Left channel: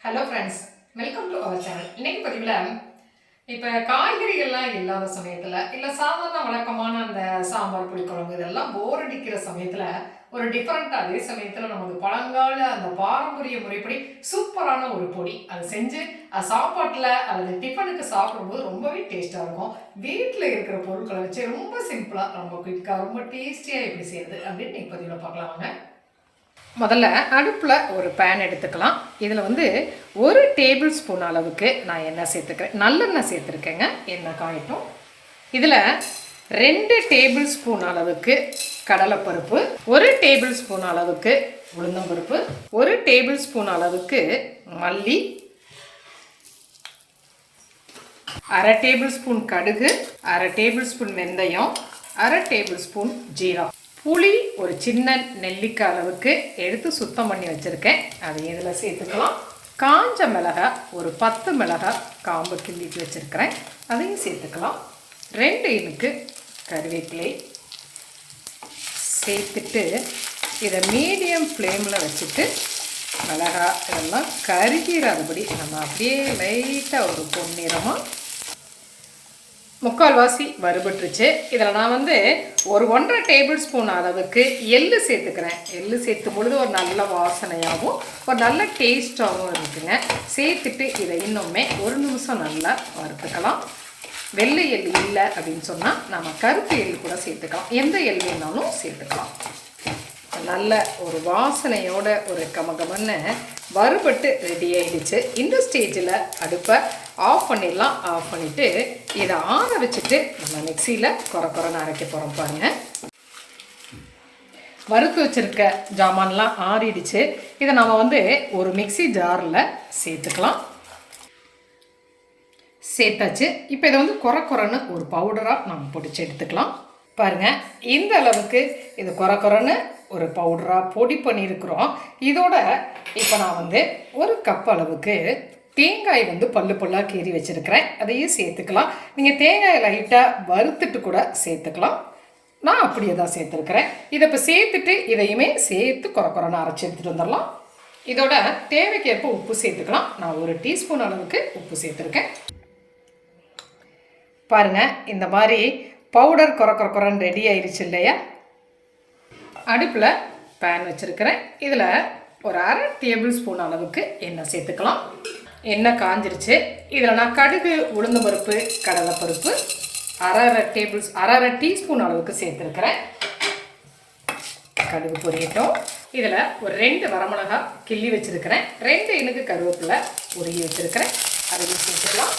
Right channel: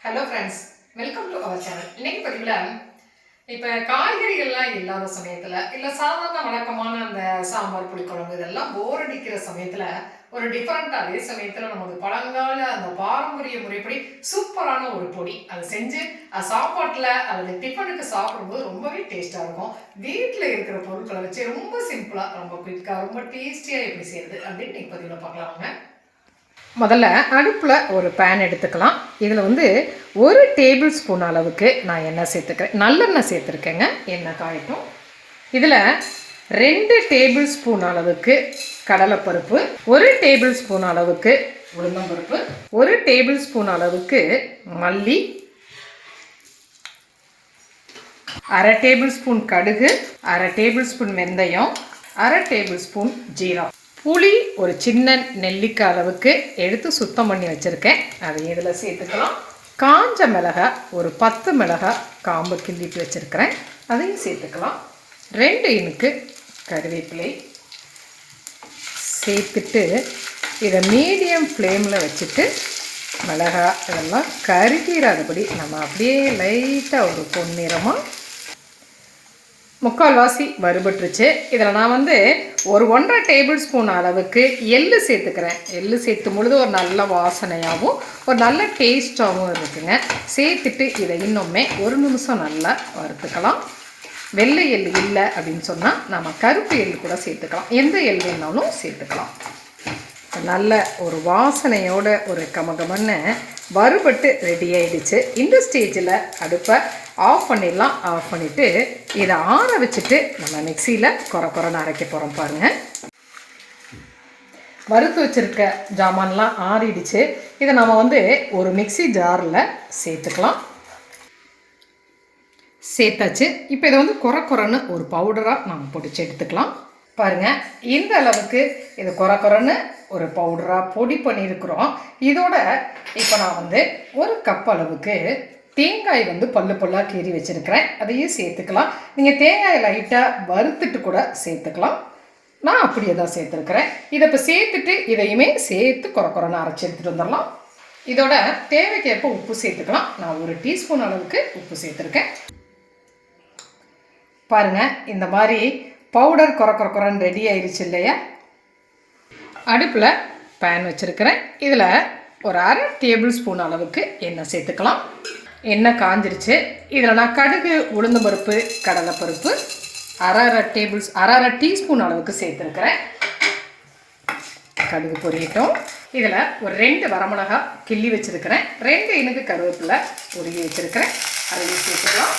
Hello friends welcome to our channel இன்னைக்கு பதிவில் இப்போ காய்கறிகள்லாம் இல்லாத சமயத்தில் இல்லை சாதாரண வழக்கமான அந்த சாம்பார் புளிக்குழம்பு இதெல்லாம் போர் அடிக்கிற சமயத்தில் ஒரு டிஃப்ரெண்ட்டாக அதே சமயத்தில் நமக்கு பழங்கால அந்த பாரம்பரிய முறைப்படி சூப்பரான ஒரு பொடி அதை செஞ்சு அது சாப்பாட்டில் அல்லது டிஃபனுக்கு சாப்பிடும்போது ரொம்பவே டேஸ்ட்டாக இருக்கும். வீட்டில் இருக்கிற பொருட்களை வச்சு ரொம்ப சிம்பிளாக ரொம்ப குயிக்காக ரொம்ப டேஸ்டியாக எப்படி செய்யறது அப்படின்னு இன்னைக்கு பதிவில் பார்க்கலாம் முதல்ல அடுப்பில் ஒரு பேன் எடுத்துக்கலாம். இதில் வந்து ஒரு டேபிள் ஸ்பூன் அளவுக்கு நான் எண்ணெய் சேர்த்துக்கிறேன். நல்லெண்ணெய் சேர்த்துருக்கேங்க. எண்ணெய் காயட்டும். இதில் ரெண்டு டேபிள் ஸ்பூன் அளவுக்கு கடலைப்பருப்பு ஒரு டேபிள் ஸ்பூன் அளவுக்கு உளுந்தம்பருப்பு ஒரு டேபிள் ஸ்பூன் அளவுக்கு மல்லி அரை டேபிள் ஸ்பூன் கடுகு அரை டேபிள் ஸ்பூன் வெந்தயம் அரை டேபிள் ஸ்பூன் ஜீரகம். புளி ஒரு சின்ன நெல்லிக்காய் அளவுக்கு எடுத்து சுத்தம் பண்ணி வச்சுருக்கேன். அதையும் இதில் சேர்த்துக்கலாம். காஞ்ச மிளகாய் ஒரு பத்து மிளகாய் காம்பு கிள்ளிட்டு வச்சுருக்கிறேன். அதையும் சேர்த்துக்கலாம். ரெண்டு இனுக்கு கருவேப்பிலை சேர்த்துட்டு இதை மீடியம் ஃப்ளேமில் வச்சுட்டு மிளகாய் இதெல்லாம் கருகிறாதபடி நம்ம அப்படியே லைட்டாக ஒரு பொன்னிறமாக முக்கால்வாசி வறுபட்டுருச்சு. இதில் நான் வந்து ஒரு ஒன்றரை டேபிள் ஸ்பூன் அளவுக்கு எள்ளு சேர்த்துக்கிறேன். எள்ளு சேர்த்தும் பொழுது ஒரு நல்ல வாசனையாகவும் ஒரு நல்ல டேஸ்ட்டாகவும் இருக்குங்க. சேர்த்துட்டு இதை இன்னுமே ஒரு நிமிஷம் நல்லா வறுத்துக்கலாம். வெள்ளை எள் இல்லை அப்படின்னு சொன்னால் நம்ம கருப்பு எள் கூட சேர்த்துக்கலாம். எந்த எள் வேணாலும் சேர்த்துக்கலாம். நல்ல ஒரு வாசனையோட ஒரு கமகமன்னு வறுபட்டு ரெடி ஆயிடுச்சு. இந்த ஸ்டேஜில் அடுப்பை ஆஃப் பண்ணிடலாம். ஆஃப் பண்ணிவிட்டு இதை ஆற வச்சுட்டு நம்ம மிக்சியில் குறை குறைன்னு அரைக்க போகிறோம் பாருங்கள் வறுத்து வச்சுருக்க ஜாமான்லாம் ஆறிடுச்சு. இதை நம்ம வந்து ஒரு மிக்சி ஜாரில் சேர்த்துக்கலாம். சேர்த்தாச்சு. இப்போ இதை வந்து குறை குறைன்னு ஒரு பவுடராக நம்ம பிடிச்சி எடுத்துக்கலாம். பாருங்கள் இந்த அளவுக்கு இது குறை குறைன்னு ஒரு பவுடராக பொடி பண்ணியிருக்கிறோம் இதோட இப்போ நான் வந்து ஒரு கப் அளவுக்கு தேங்காய் வந்து பல்லு பல்லாக கீறி வச்சுருக்கிறேன். அதையும் சேர்த்துக்கலாம். நீங்கள் தேங்காயை லைட்டாக வறுத்துட்டு கூட சேர்த்துக்கலாம். நான் அப்படியே தான் சேர்த்துருக்குறேன். இதை இப்போ சேர்த்துட்டு இதையுமே சேர்த்து குறக்குறன்னு அரைச்சி எடுத்துகிட்டு வந்துடலாம். இதோட தேவைக்கேற்ப உப்பு சேர்த்துக்கலாம். நான் ஒரு டீஸ்பூன் அளவுக்கு உப்பு சேர்த்துருக்கேன். பாருங்கள் இந்த மாதிரி பவுடர் குறை குறை குறைன்னு ரெடி ஆயிடுச்சு இல்லையா? அடுப்பில் பேன் வச்சுருக்கிறேன். இதில் ஒரு அரை டேபிள் ஸ்பூன் அளவுக்கு எண்ணெய் சேர்த்துக்கலாம். எண்ணெய் காஞ்சிருச்சு. இதில் நான் கடுகு உளுந்து பருப்பு கடலைப்பருப்பு அரை அரை டேபிள்ஸ் அரை அரை டீஸ்பூன் அளவுக்கு சேர்த்துருக்கிறேன். கடுகு பொரியட்டும். இதில் ஒரு ரெண்டு வரமிளகா கிள்ளி வச்சுருக்கிறேன். ரெண்டு இனுக்கு கருவேப்பிலை உருகி வச்சுருக்கிறேன். அதையும் சேர்த்துக்கலாம்.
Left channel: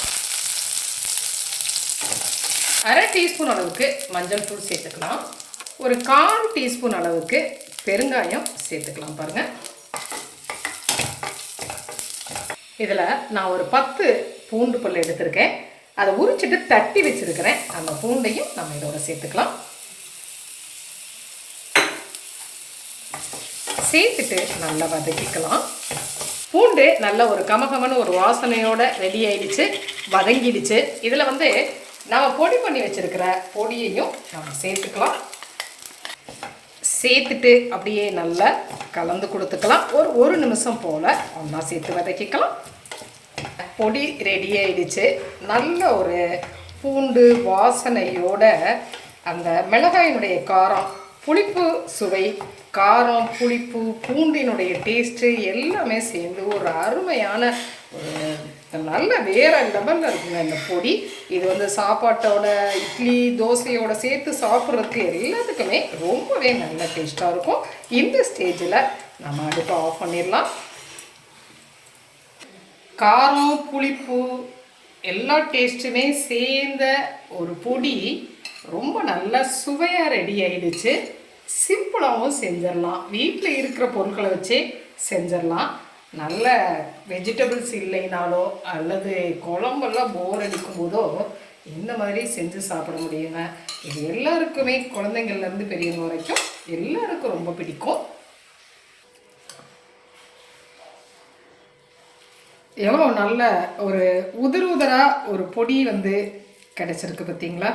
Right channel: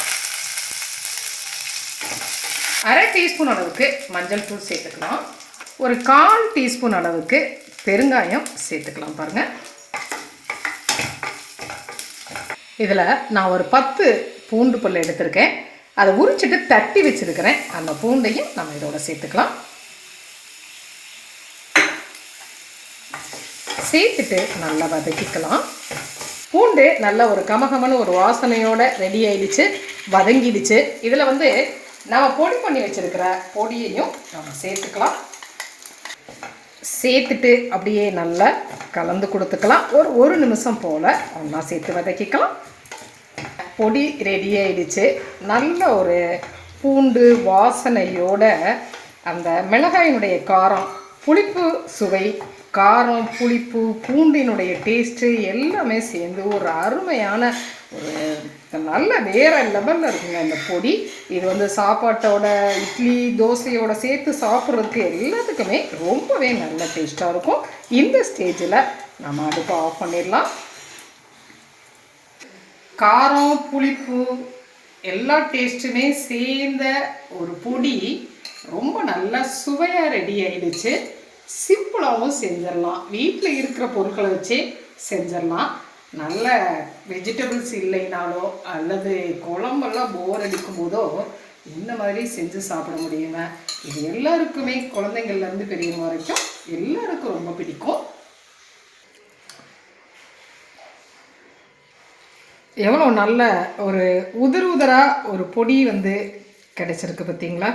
அரை டீஸ்பூன் அளவுக்கு மஞ்சள் தூள் சேர்த்துக்கலாம். ஒரு கால் டீஸ்பூன் அளவுக்கு பெருங்காயம் சேர்த்துக்கலாம் பாருங்கள் இதில் நான் ஒரு பத்து பூண்டு பல் எடுத்திருக்கேன். அதை உரிச்சிட்டு தட்டி வச்சுருக்கிறேன். அந்த பூண்டையும் நம்ம இதோட சேர்த்துக்கலாம். சேர்த்துட்டு நல்லா வதக்கிக்கலாம். பூண்டு நல்ல ஒரு கமகமனு ஒரு வாசனையோட ரெடி ஆயிடுச்சு வதங்கிடுச்சு. இதில் வந்து நம்ம பொடி பண்ணி வச்சுருக்கிற பொடியையும் நம்ம சேர்த்துக்கலாம். சேர்த்துட்டு அப்படியே நல்லா கலந்து கொடுத்துக்கலாம். ஒரு ஒரு நிமிஷம் போல் ஒன்றா சேர்த்து வதக்கிக்கலாம். பொடி ரெடி ஆயிடுச்சு. நல்ல ஒரு பூண்டு வாசனையோட அந்த மிளகாயினுடைய காரம் புளிப்பு சுவை காரம் புளிப்பு பூண்டினுடைய டேஸ்ட்டு எல்லாமே சேர்ந்து ஒரு அருமையான ஒரு நல்ல வேற லெவலில் இருக்குங்க இந்த பொடி. இது வந்து சாப்பாட்டோட இட்லி தோசையோட சேர்த்து சாப்பிட்றதுக்கு எல்லாத்துக்குமே ரொம்பவே நல்ல டேஸ்ட்டாக இருக்கும். இந்த ஸ்டேஜில் நம்ம அடுப்பை ஆஃப் பண்ணிடலாம். காரம் புளிப்பு எல்லா டேஸ்ட்டுமே சேர்ந்த ஒரு பொடி. ரொம்ப நல்லா சுவையாக ரெடி ஆகிடுச்சு சிம்பிளாகவும் செஞ்சிடலாம். வீட்டில் இருக்கிற பொருட்களை வச்சே செஞ்சிடலாம். நல்ல வெஜிடபிள்ஸ் இல்லைனாலோ அல்லது குழம்பெல்லாம் போர் அடிக்கும் போதோ இந்த மாதிரி செஞ்சு சாப்பிட முடியுங்க? இது எல்லாருக்குமே குழந்தைங்கள்லேருந்து பெரியவங்க வரைக்கும் எல்லாருக்கும் ரொம்ப பிடிக்கும். எவ்வளோ நல்ல ஒரு உதிர் உதிராக ஒரு பொடி வந்து கிடைச்சிருக்கு பார்த்தீங்களா?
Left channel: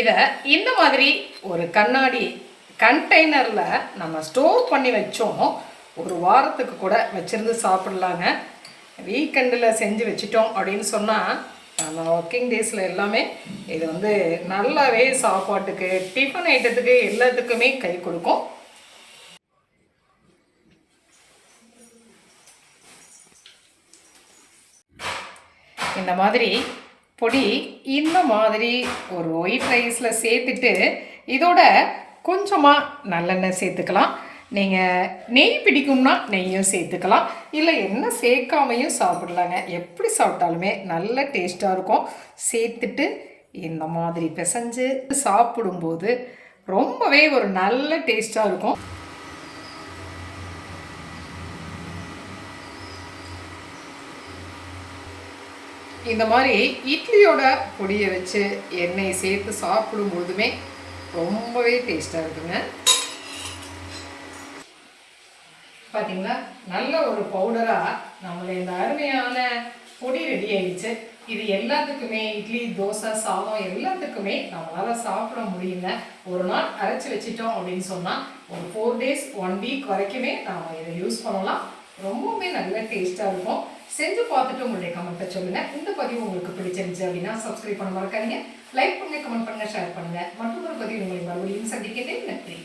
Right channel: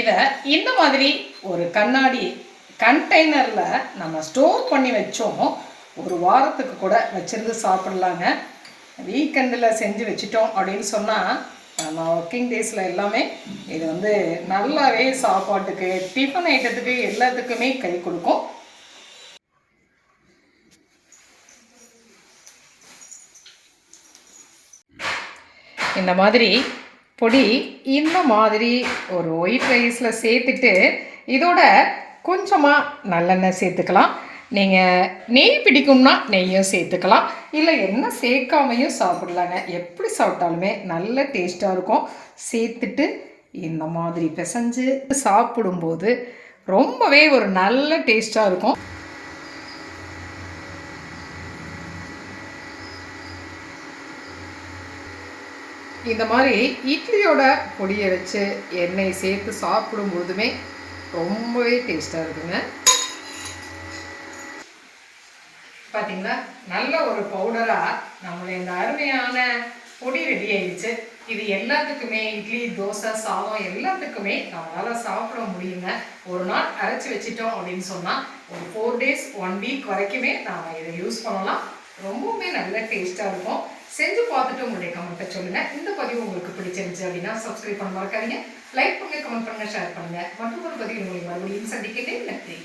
இதை இந்த மாதிரி ஒரு கண்ணாடி கண்டெய்னரில் நம்ம ஸ்டோர் பண்ணி வச்சோம். ஒரு வாரத்துக்கு கூட வச்சுருந்து சாப்பிட்லாங்க. வீக்கெண்டில் செஞ்சு வச்சிட்டோம் அப்படின்னு சொன்னால் நம்ம ஒர்க்கிங் டேஸில் எல்லாமே இது வந்து நல்லாவே சாப்பாட்டுக்கு டிஃபன் ஐட்டத்துக்கு எல்லாத்துக்குமே கை கொடுக்கும். இந்த மாதிரி பொடி இந்த மாதிரி ஒரு ஒயிட் ரைஸில் சேர்த்துட்டு இதோட கொஞ்சமாக நல்லெண்ணெய் சேர்த்துக்கலாம். நீங்கள் நெய் பிடிக்கும்னா நெய்யும் சேர்த்துக்கலாம். இல்லை என்ன சேர்க்காமையும் சாப்பிடலாங்க. எப்படி சாப்பிட்டாலுமே நல்ல டேஸ்ட்டாக இருக்கும். சேர்த்துட்டு இந்த மாதிரி பிசைஞ்சு சாப்பிடும்போது ரொம்பவே ஒரு நல்ல டேஸ்ட்டாக இருக்கும். இந்த மாதிரி இட்லியோட பொடியை வச்சு எண்ணெய் சேர்த்து சாப்பிடும்போதுமே ரொம்பவே டேஸ்ட்டாக இருக்குங்க. பார்த்தீங்களா நல்ல ஒரு பவுடராக நம்மளுடைய இந்த அருமையான பொடி ரெடி ஆயிடுச்சு. இது எல்லாத்துக்குமே இட்லி தோசை சாதம் எல்லாத்துக்குமே நம்மளால் சாப்பிட முடியுங்க. ஒரு நாள் அரைச்சி வச்சிட்டோம் அப்படின்னு சொன்னால் ஒரு ஃபோர் டேஸ் ஒன் வீக் வரைக்குமே நாம் இதை யூஸ் பண்ணலாம். ரொம்பவுமே நல்ல டேஸ்ட்டாக இருக்கும். செஞ்சு பார்த்துட்டு உங்களுடைய கமெண்ட்டை சொல்லுங்கள் இந்த பதிவு உங்களுக்கு பிடிச்சிருந்துச்சு அப்படின்னா சப்ஸ்கிரைப் பண்ண மறக்காதீங்க. லைக் பண்ணுங்கள் கமெண்ட் பண்ணுங்கள் ஷேர் பண்ணுங்கள் மற்றொரு பதிவு உங்களை மறுபடியும் சந்திக்கிட்டே நன்றி.